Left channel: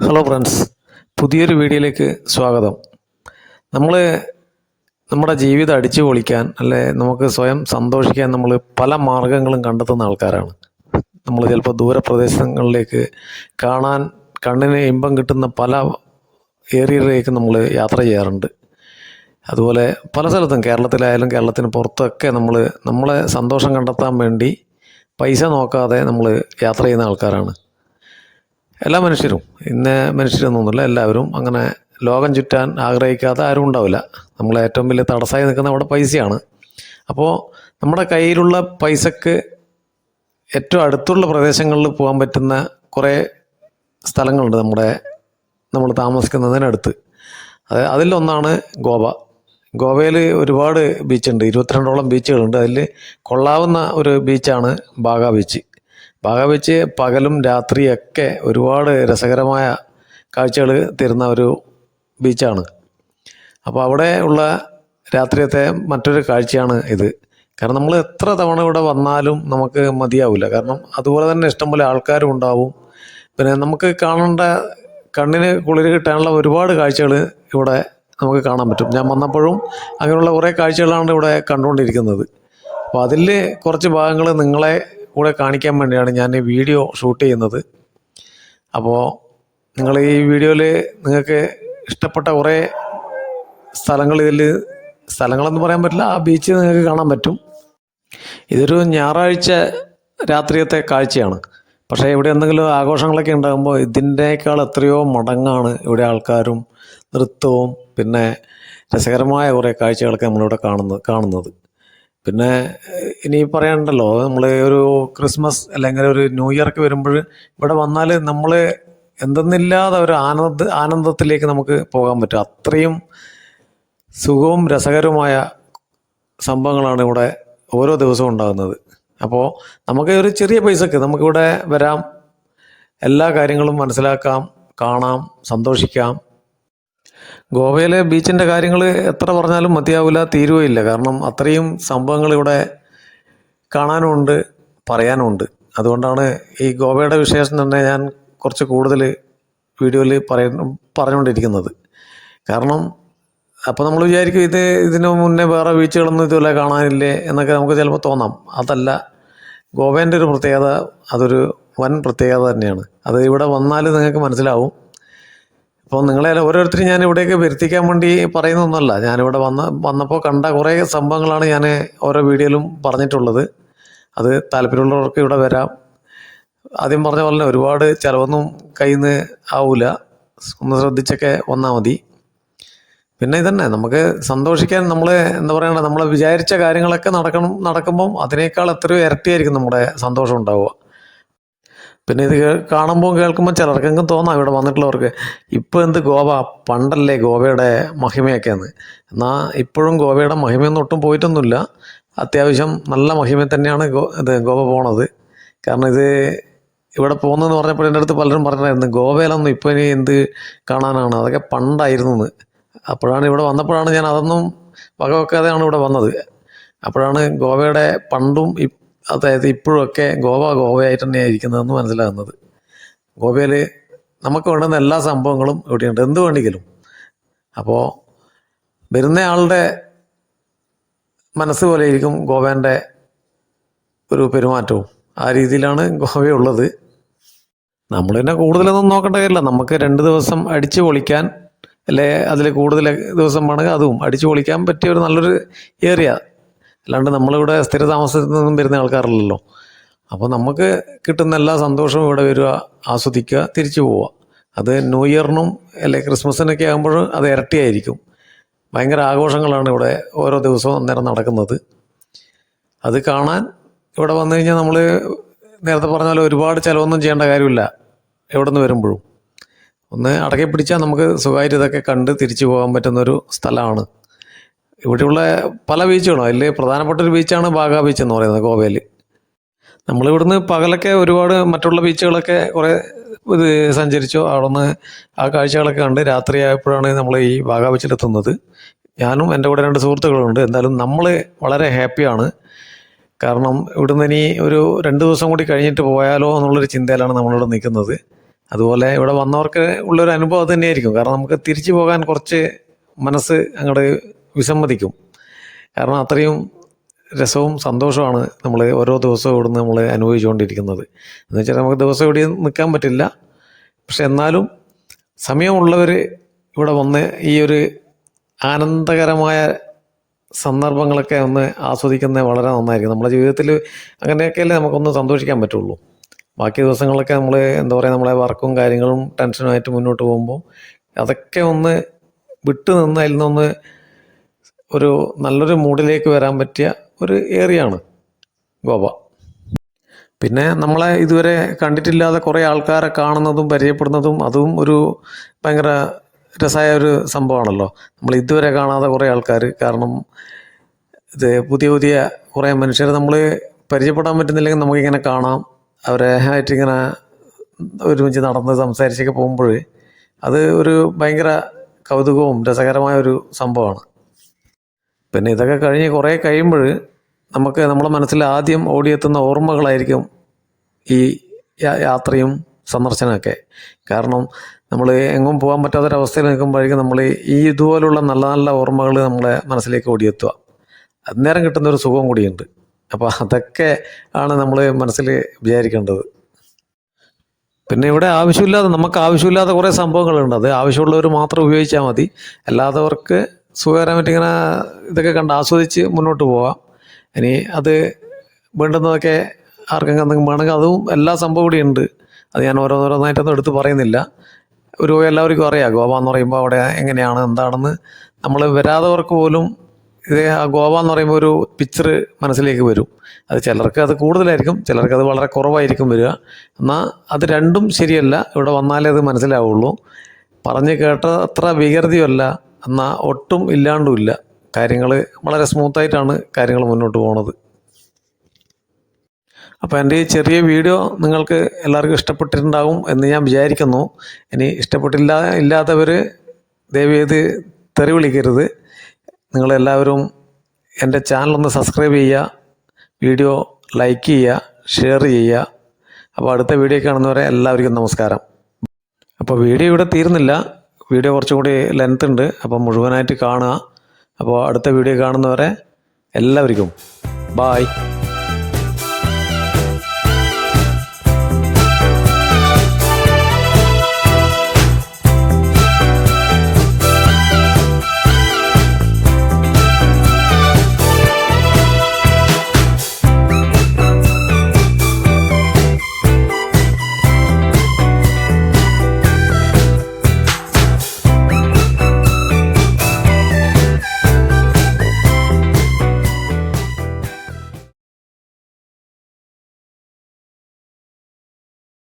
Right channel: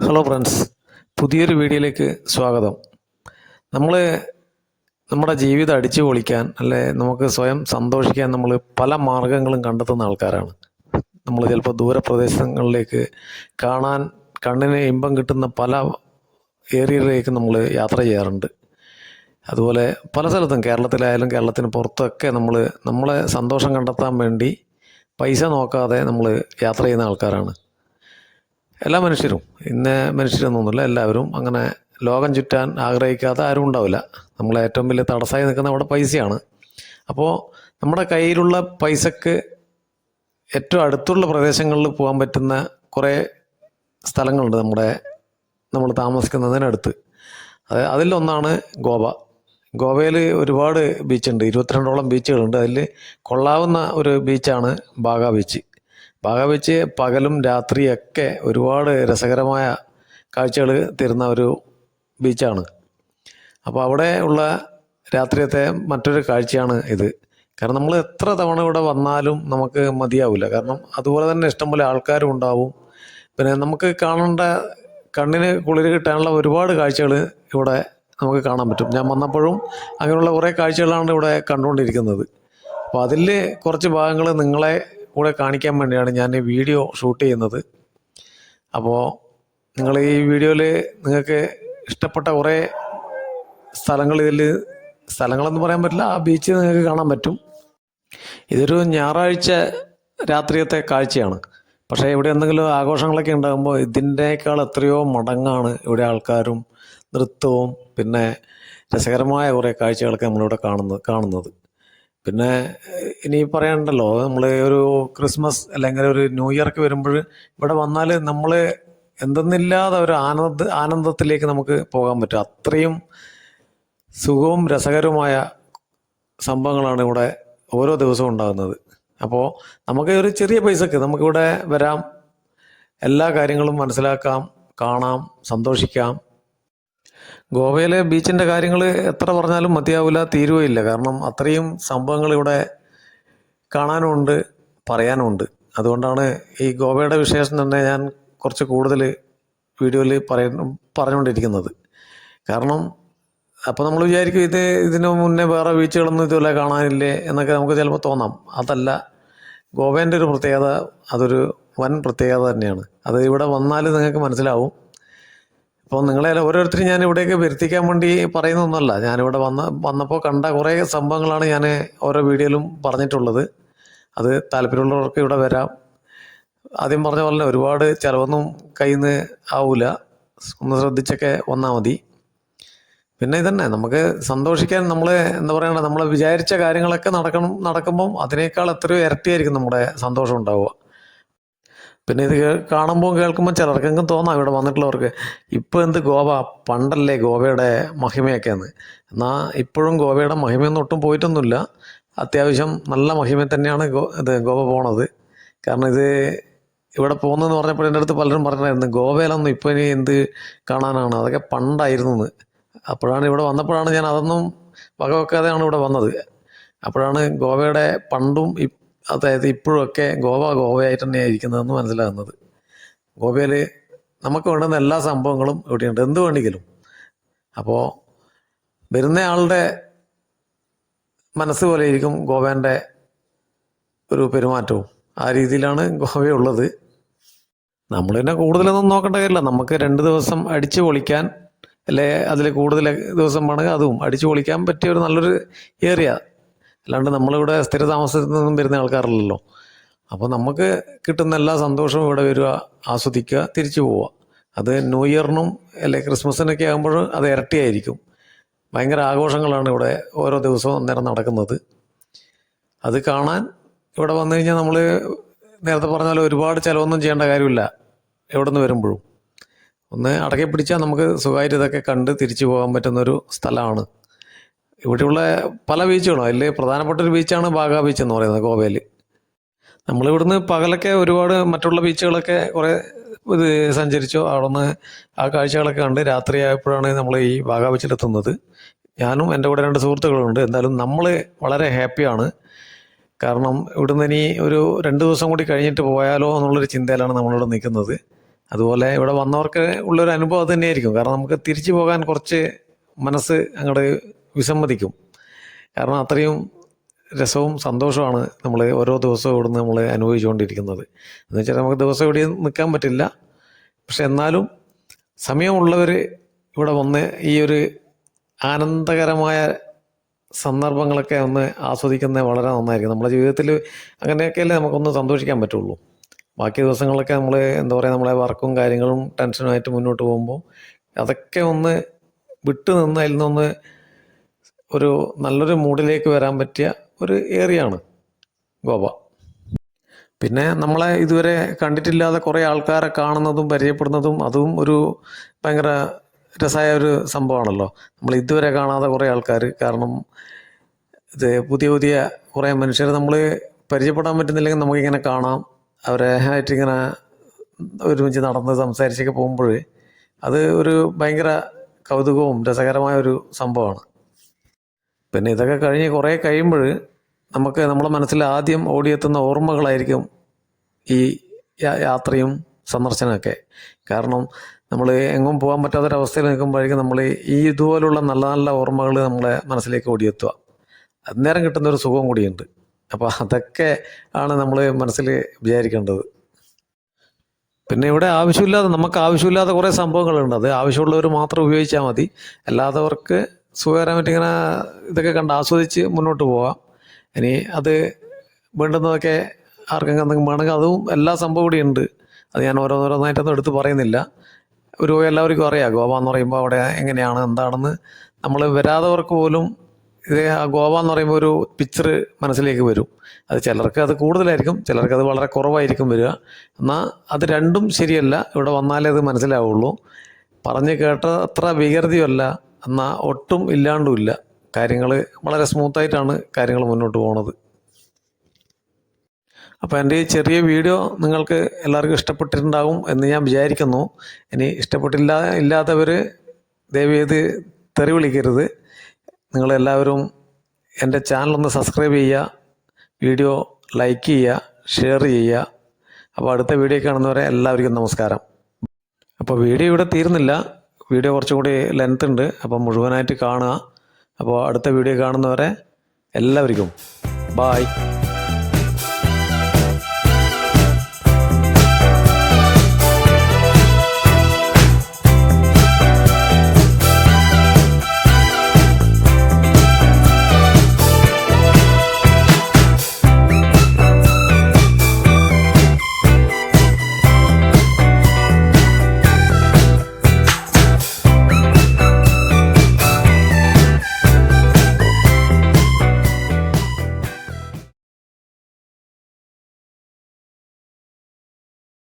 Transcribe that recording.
Hello friends പുതിയൊരു വീഡിയോയിലേക്ക് സ്വാഗതം. നമ്മൾ നമ്മുടെ ജീവിതം അടിച്ചു പൊളിക്കാൻ അല്ലെ നമുക്ക് സ്വയം സന്തോഷിക്കാൻ നമ്മൾ പല മാർഗങ്ങളും കണ്ടെത്തുന്ന ആൾക്കാരാണ്. നമ്മൾ ചിലപ്പോൾ ദൂരപ്രദേശങ്ങളിലേക്ക് കാണാൻ കണ്ണിന് ഇമ്പം കിട്ടുന്ന പല ഏരിയയിലേക്ക് നമ്മൾ യാത്ര ചെയ്യാറുണ്ട്. അതുപോലെ പല സ്ഥലത്തും കേരളത്തിലായാലും കേരളത്തിന് പുറത്തൊക്കെ നമ്മൾ നമ്മളെ സന്തോഷം കണ്ടെത്താൻ വേണ്ടി പൈസ നോക്കാതെ നമ്മൾ യാത്ര ചെയ്യുന്ന ആൾക്കാരാണ്. എല്ലാ മനുഷ്യരും. ഇന്ന മനുഷ്യരൊന്നുമില്ല എല്ലാവരും അങ്ങനെ ലോകം ചുറ്റാൻ ആഗ്രഹിക്കാത്ത ആരും ഉണ്ടാവില്ല. നമ്മളെ ഏറ്റവും വലിയ തടസ്സമായി നിൽക്കുന്ന അവിടെ പൈസയാണ്. അപ്പോൾ നമ്മുടെ കയ്യിലുള്ള പൈസക്ക് ഏറ്റവും അടുത്തുള്ള പ്രദേശങ്ങളിൽ പോകാൻ പറ്റുന്ന കുറേ സ്ഥലങ്ങളുണ്ട് നമ്മുടെ നമ്മൾ താമസിക്കുന്നതിനടുത്ത്. അത് അതിലൊന്നാണ് ഗോവ. ഗോവയിൽ ഒരുപാട് ബീച്ചുണ്ട് ഇരുപത്തിരണ്ടോളം ബീച്ചുകളുണ്ട് അതിൽ കൊള്ളാവുന്ന ഒരു ബീച്ചാണ് ബാഗ ബീച്ച് ബാഗ ബീച്ച് പകലും രാത്രിയൊക്കെ ഒരുപാട് രസകരമായ കാഴ്ചകൾ തരുന്ന ഒരു ബീച്ചാണ്. അപ്പോൾ അവിടെ ഉള്ള രാത്രിയത്തെ മറ്റൊരു കാഴ്ചയാണ് ഇത്. കാരണം നമ്മൾ എത്ര തവണ ഇവിടെ വന്നാലും നമുക്ക് മതിയാവില്ല. കാരണം അതുപോലെ തന്നെ ഇഷ്ടംപോലെ ആൾക്കാരും ഉണ്ടാവും. പിന്നെ നമുക്ക് കാണേണ്ട കണ്ണിന് കുളിര് കിട്ടാനുള്ള ഒരുപാട് കാഴ്ചകൾ ഇവിടെ നമുക്ക് കാണാൻ പറ്റും. ഞാൻ വന്നപ്പോഴും അങ്ങനെയുള്ള കുറേ കാഴ്ചകളാണ് ഇവിടെ കണ്ടുകൊണ്ടിരിക്കുന്നത്. അപ്പോൾ അതിൽ കുറച്ച് ഭാഗങ്ങൾ നിങ്ങളെ കൂടെ കാണിക്കാൻ വേണ്ടിയാണ് ഞാൻ ഈ വീഡിയോ ഷൂട്ട് ചെയ്യുന്നത്. അപ്പോൾ നിങ്ങൾ ഈ വീഡിയോയിൽ നിങ്ങൾക്ക് ഇഷ്ടപ്പെട്ട കുറേ സ്ഥലങ്ങൾ ഇതിൽ സ്ഥലങ്ങളെന്ന് പറയാൻ പറ്റില്ല ആ ബീച്ച് നിങ്ങൾക്ക് കാണാൻ പറ്റും. ഇതൊരു ഞായറാഴ്ച രാത്രിയത്തെ കാഴ്ചയാണ്. പക്ഷേ ഇവിടെ എന്തെങ്കിലും ആഘോഷങ്ങളൊക്കെ ഉണ്ടാകുമ്പോൾ ഇതിന്റെക്കാൾ എത്രയോ മടങ്ങാണ് ഇവിടെ ആൾക്കാരും നൃത്തവും പിന്നെ രസകരമായ കുറേ കാഴ്ചകളൊക്കെ നമ്മളിവിടെ കാണുന്നത് കാണുന്നത്. പിന്നെ ഇനി പറയാനുണ്ടല്ലോ നമ്മൾ ഒരു ക്രിസ്മസ് അല്ലെങ്കിൽ ഒരു ന്യൂ ഇയർക്ക് വരുമ്പോൾ ഇവിടെ വന്നാൽ നമ്മൾ എന്തെന്നില്ലാതെ ഒരു ആനന്ദ ആനന്ദത്തിലേക്ക് നമുക്ക് പോകാൻ പറ്റും. അത്രയും സുഖവും രസകരവുമായ സംഭവങ്ങളാണ് ഇവിടെ ഓരോ ദിവസവും ഉണ്ടാകുന്നത്. അപ്പോൾ നമുക്ക് ഒരു ചെറിയ പൈസക്ക് നമുക്കിവിടെ വരാം. എല്ലാ കാര്യങ്ങളും മനസ്സിലാക്കാം കാണാം സന്തോഷിക്കാം. ഗോവയിലെ ബീച്ചിന്റെ കാര്യങ്ങൾ എത്ര പറഞ്ഞാലും മതിയാവില്ല തീരുകയില്ല. കാരണം അത്രയും സംഭവങ്ങൾ ഇവിടെ കാണാനുമുണ്ട് പറയാനുമുണ്ട്. അതുകൊണ്ടാണ് ഈ ഗോവയുടെ വിശേഷം തന്നെ ഞാൻ കുറച്ച് കൂടുതൽ വീഡിയോയിൽ പറയ പറഞ്ഞുകൊണ്ടിരിക്കുന്നത്. കാരണം അപ്പോൾ നമ്മൾ വിചാരിക്കും ഇത് ഇതിനു മുന്നേ വേറെ ബീച്ചുകളൊന്നും ഇതുപോലെ കാണാനില്ലേ എന്നൊക്കെ നമുക്ക് ചിലപ്പോൾ തോന്നാം. അതല്ല ഗോവേന്റെ ഒരു പ്രത്യേകത അതൊരു വൻ പ്രത്യേകത തന്നെയാണ്. അത് ഇവിടെ വന്നാൽ നിങ്ങൾക്ക് മനസ്സിലാവും. അപ്പോൾ നിങ്ങളെ ഓരോരുത്തരും ഞാൻ ഇവിടേക്ക് വരുത്തിക്കാൻ വേണ്ടി പറയുന്നൊന്നുമല്ല. ഞാനിവിടെ വന്ന വന്നപ്പോൾ കണ്ട കുറേ സംഭവങ്ങളാണ് ഞാൻ ഓരോ വീഡിയോയിലും പറഞ്ഞിട്ടുള്ളത്. അത് താല്പര്യമുള്ളവർക്ക് ഇവിടെ വരാം. ആദ്യം പറഞ്ഞ പോലെ ഒരുപാട് ചിലവൊന്നും കയ്യിൽ നിന്ന് ആവില്ല ഒന്ന് ശ്രദ്ധിച്ചൊക്കെ വന്നാൽ മതി. പിന്നെ ഇതന്നെ നമുക്ക് സന്തോഷിക്കാൻ നമ്മൾ എന്താ പറയുക നമ്മൾ വിചാരിച്ച കാര്യങ്ങളൊക്കെ നടക്കണം നടക്കുമ്പം അതിനേക്കാൾ എത്രയോ ഇരട്ടിയായിരിക്കും നമ്മുടെ സന്തോഷം ഉണ്ടാവുക. പിന്നെ ഇത് കാണുമ്പോൾ കേൾക്കുമ്പോൾ ചിലർക്കെങ്കിലും തോന്നാം ഇവിടെ വന്നിട്ടുള്ളവർക്ക്. ഇപ്പോൾ എന്ത് ഗോവ? പണ്ടല്ലേ ഗോവയുടെ മഹിമയൊക്കെയെന്ന്. എന്നാൽ ഇപ്പോഴും ഗോവയുടെ മഹിമയൊന്നും ഒട്ടും പോയിട്ടൊന്നുമില്ല. അത്യാവശ്യം നല്ല മഹിമ തന്നെയാണ് ഗോ ഇത് ഗോവ പോണത്. കാരണം ഇത് ഇവിടെ പോകുന്നതെന്ന് പറഞ്ഞപ്പോൾ എന്റെ അടുത്ത് പലരും പറഞ്ഞായിരുന്നു ഗോവയിലൊന്നും ഇപ്പോൾ ഇനി എന്ത് കാണാനാണ്? അതൊക്കെ പണ്ടായിരുന്നു എന്ന് അപ്പോഴാണ് ഇവിടെ വന്നപ്പോഴാണ് ഞാൻ അതൊന്നും വകവെക്കാതെയാണ് ഇവിടെ വന്നത്. അപ്പോഴാണ് ഗോവയുടെ പണ്ടും അതായത് ഇപ്പോഴൊക്കെ ഗോവ ഗോവയായിട്ട് തന്നെയാണ് ഇരിക്കുന്നതെന്ന് മനസ്സിലാകുന്നത്. ഗോവയിൽ നമുക്ക് വേണ്ടുന്ന എല്ലാ സംഭവങ്ങളും ഇവിടെയുണ്ട്. എന്ത് വേണമെങ്കിലും. അപ്പോൾ വരുന്ന ആളുടെ മനസ്സ് പോലെ ഇരിക്കും ഗോവേന്റെ ഒരു പെരുമാറ്റവും. ആ രീതിയിലാണ് ഗോവയുള്ളത് നമ്മൾ തന്നെ കൂടുതലൊന്നും നോക്കേണ്ട കാര്യമില്ല. നമുക്ക് രണ്ട് ദിവസം അടിച്ചു പൊളിക്കാൻ അല്ലെ? അതിൽ കൂടുതൽ ദിവസം വേണമെങ്കിൽ അതും അടിച്ചു പൊളിക്കാൻ പറ്റിയ ഒരു നല്ലൊരു ഏരിയ. അല്ലാണ്ട് നമ്മളിവിടെ സ്ഥിര താമസത്തിൽ നിന്നും വരുന്ന ആൾക്കാരല്ലല്ലോ. അപ്പോൾ നമുക്ക് കിട്ടുന്ന എല്ലാ സന്തോഷവും ഇവിടെ വരിക ആസ്വദിക്കുക തിരിച്ചു പോവുക. അത് ന്യൂ ഇയറിനും അല്ലെ ക്രിസ്മസിനൊക്കെ ആകുമ്പോൾ അത് ഇരട്ടിയായിരിക്കും. ഭയങ്കര ആഘോഷങ്ങളാണ് ഇവിടെ ഓരോ ദിവസവും അന്നേരം നടക്കുന്നത്. അത് കാണാൻ ഇവിടെ വന്നു കഴിഞ്ഞാൽ നമ്മൾ നേരത്തെ പറഞ്ഞാൽ ഒരുപാട് ചിലവൊന്നും ചെയ്യേണ്ട കാര്യമില്ല എവിടെ നിന്ന് വരുമ്പോഴും. ഒന്ന് അടക്കി പിടിച്ചാൽ നമുക്ക് സുഖമായിട്ട് ഇതൊക്കെ കണ്ട് തിരിച്ചു പോകാൻ പറ്റുന്നൊരു സ്ഥലമാണ്. ഇവിടെയുള്ള പല ബീച്ചുകളും. അതിൽ പ്രധാനപ്പെട്ട ഒരു ബീച്ചാണ് ബാഗ ബീച്ച് എന്ന് പറയുന്നത് ഗോവയിൽ നമ്മളിവിടുന്ന് പകലൊക്കെ ഒരുപാട് മറ്റുള്ള ബീച്ചുകളൊക്കെ കുറേ ഇത് സഞ്ചരിച്ചു. അവിടുന്ന് ആ കാഴ്ചകളൊക്കെ കണ്ട് രാത്രിയായപ്പോഴാണ് നമ്മൾ ഈ ബാഗ ബീച്ചിലെത്തുന്നത് ഞാനും എന്റെ കൂടെ രണ്ട് സുഹൃത്തുക്കളുണ്ട്. എന്നാലും നമ്മൾ വളരെ ഹാപ്പിയാണ്. കാരണം ഇവിടുന്ന് ഇനി ഒരു രണ്ട് ദിവസം കൂടി കഴിഞ്ഞിട്ട് പോയാലോ എന്നുള്ളൊരു ചിന്തയിലാണ് നമ്മളിവിടെ നിൽക്കുന്നത്. അതുപോലെ ഇവിടെ വന്നവർക്ക് ഉള്ളൊരു അനുഭവം തന്നെയായിരിക്കും. കാരണം നമുക്ക് തിരിച്ചു പോകാൻ കുറച്ച് മനസ്സ് അങ്ങോട്ട് വിസമ്മതിക്കും. കാരണം അത്രയും രസവും സന്തോഷമാണ് നമ്മൾ ഓരോ ദിവസവും ഇവിടുന്ന് നമ്മൾ അനുഭവിച്ചുകൊണ്ടിരിക്കുന്നത്. എന്ന് വെച്ചാൽ നമുക്ക് ദിവസം ഇവിടെ നിൽക്കാൻ പറ്റില്ല. പക്ഷെ എന്നാലും സമയമുള്ളവർ ഇവിടെ വന്ന് ഈ ഒരു ആനന്ദകരമായ സന്ദർഭങ്ങളൊക്കെ ഒന്ന് ആസ്വദിക്കുന്നത് വളരെ നന്നായിരിക്കും. നമ്മുടെ ജീവിതത്തിൽ അങ്ങനെയൊക്കെയല്ലേ നമുക്കൊന്ന് സന്തോഷിക്കാൻ പറ്റുള്ളൂ. ബാക്കി ദിവസങ്ങളൊക്കെ നമ്മൾ എന്താ പറയുക നമ്മളെ വർക്കും കാര്യങ്ങളും ടെൻഷനുമായിട്ട് മുന്നോട്ട് പോകുമ്പോൾ അതൊക്കെ ഒന്ന് വിട്ടു നിന്ന് അതിൽ നിന്നൊന്ന് ഒരു നല്ലൊരു മൂഡിലേക്ക് വരാൻ പറ്റിയ ഒരു ഏരിയയാണ് ഗോവ. പിന്നെ നമ്മളെ ഇതുവരെ കണ്ടിട്ടില്ലാതെ കുറേ ആൾക്കാരെ കാണുന്നതും പരിചയപ്പെടുന്നതും അതും ഒരു ഭയങ്കര രസമായ ഒരു സംഭവമാണല്ലോ. നമ്മൾ ഇതുവരെ കാണാതെ കുറേ ആൾക്കാർ കാരണം ഇത് പുതിയ പുതിയ കുറേ മനുഷ്യരെ നമ്മൾ പരിചയപ്പെടാൻ പറ്റുന്നില്ലെങ്കിൽ നമുക്കിങ്ങനെ കാണാം. അവരെ ആയിട്ട് ഇങ്ങനെ ഒരുമിച്ച് നടന്ന് സംസാരിച്ചൊക്കെ പോകുമ്പോൾ അത് ഒരു ഭയങ്കര കൗതുകവും രസകരമായ ഒരു സംഭവമാണ്. പിന്നെ ഇതൊക്കെ കഴിഞ്ഞ് കുറേ കഴിയുമ്പോൾ നമുക്ക് നമ്മുടെ മനസ്സിൽ ആദ്യം ഓടിയെത്തുന്ന ഓർമ്മകളായിരിക്കും ഈ യാത്രയും സന്ദർശനമൊക്കെ. കാരണം നമ്മൾ എങ്ങും പോകാൻ പറ്റാത്തൊരവസ്ഥയിൽ നിൽക്കുമ്പോഴേക്കും നമ്മൾ ഈ ഇതുപോലുള്ള നല്ല നല്ല ഓർമ്മകൾ നമ്മളെ മനസ്സിലേക്ക് ഓടിയെത്തുക. അന്നേരം കിട്ടുന്ന ഒരു സുഖം കൂടിയുണ്ട്. അപ്പോൾ അതൊക്കെ ആണ് നമ്മൾ മനസ്സിൽ വിചാരിക്കേണ്ടത്. പിന്നെ ഇവിടെ ആവശ്യമില്ലാതെ നമുക്ക് ആവശ്യമില്ലാത്ത കുറേ സംഭവങ്ങളുണ്ട്. അത് ആവശ്യമുള്ളവർ മാത്രം ഉപയോഗിച്ചാൽ മതി. അല്ലാത്തവർക്ക് സുഖകരമായിട്ട് ഇങ്ങനെ ഇതൊക്കെ കണ്ട് ആസ്വദിച്ച് മുന്നോട്ട് പോവാം. ഇനി അത് വേണ്ടുന്നതൊക്കെ ആർക്കെങ്കിലും എന്തെങ്കിലും വേണമെങ്കിൽ അതും എല്ലാ സംഭവം ഇവിടെ ഉണ്ട്. അത് ഞാൻ ഓരോന്നോരോന്നായിട്ടൊന്നും എടുത്ത് പറയുന്നില്ല. ഒരു എല്ലാവർക്കും അറിയാം ഗോവ എന്ന് പറയുമ്പോൾ അവിടെ എങ്ങനെയാണ് എന്താണെന്ന്. നമ്മൾ വരാത്തവർക്ക് പോലും ഇത് ആ ഗോവ എന്ന് പറയുമ്പോൾ ഒരു പിക്ചർ മനസ്സിലേക്ക് വരും. അത് ചിലർക്ക് അത് കൂടുതലായിരിക്കും ചിലർക്ക് അത് വളരെ കുറവായിരിക്കും വരിക. എന്നാൽ അത് രണ്ടും ശരിയല്ല ഇവിടെ വന്നാലേ അത് മനസ്സിലാവുള്ളൂ. പറഞ്ഞ് കേട്ട അത്ര വികൃതിയല്ല എന്നാൽ ഒട്ടും ഇല്ലാണ്ടുമില്ല കാര്യങ്ങൾ വളരെ സ്മൂത്തായിട്ടാണ് കാര്യങ്ങൾ മുന്നോട്ട് പോകുന്നത് അപ്പോൾ എന്റെ ഈ ചെറിയ വീഡിയോ നിങ്ങൾക്ക് എല്ലാവർക്കും ഇഷ്ടപ്പെട്ടിട്ടുണ്ടാകും എന്ന് ഞാൻ വിചാരിക്കുന്നു. ഇനി ഇഷ്ടപ്പെട്ടില്ല ഇല്ലാത്തവർ ദയവേത് തെറി വിളിക്കരുത്. നിങ്ങളെല്ലാവരും എന്റെ ചാനലൊന്ന് സബ്സ്ക്രൈബ് ചെയ്യുക വീഡിയോ ലൈക്ക് ചെയ്യുക ഷെയർ ചെയ്യുക. അപ്പോൾ അടുത്ത വീഡിയോ കാണുന്നവരെ എല്ലാവർക്കും നമസ്കാരം. അപ്പോൾ വീഡിയോ ഇവിടെ തീരുന്നില്ല. വീഡിയോ കുറച്ചുകൂടി ലെങ്ത് ഉണ്ട്. അപ്പോൾ മുഴുവനായിട്ട് കാണുക. അപ്പോൾ അടുത്ത വീഡിയോ കാണുന്നവരെ എല്ലാവർക്കും ബായ്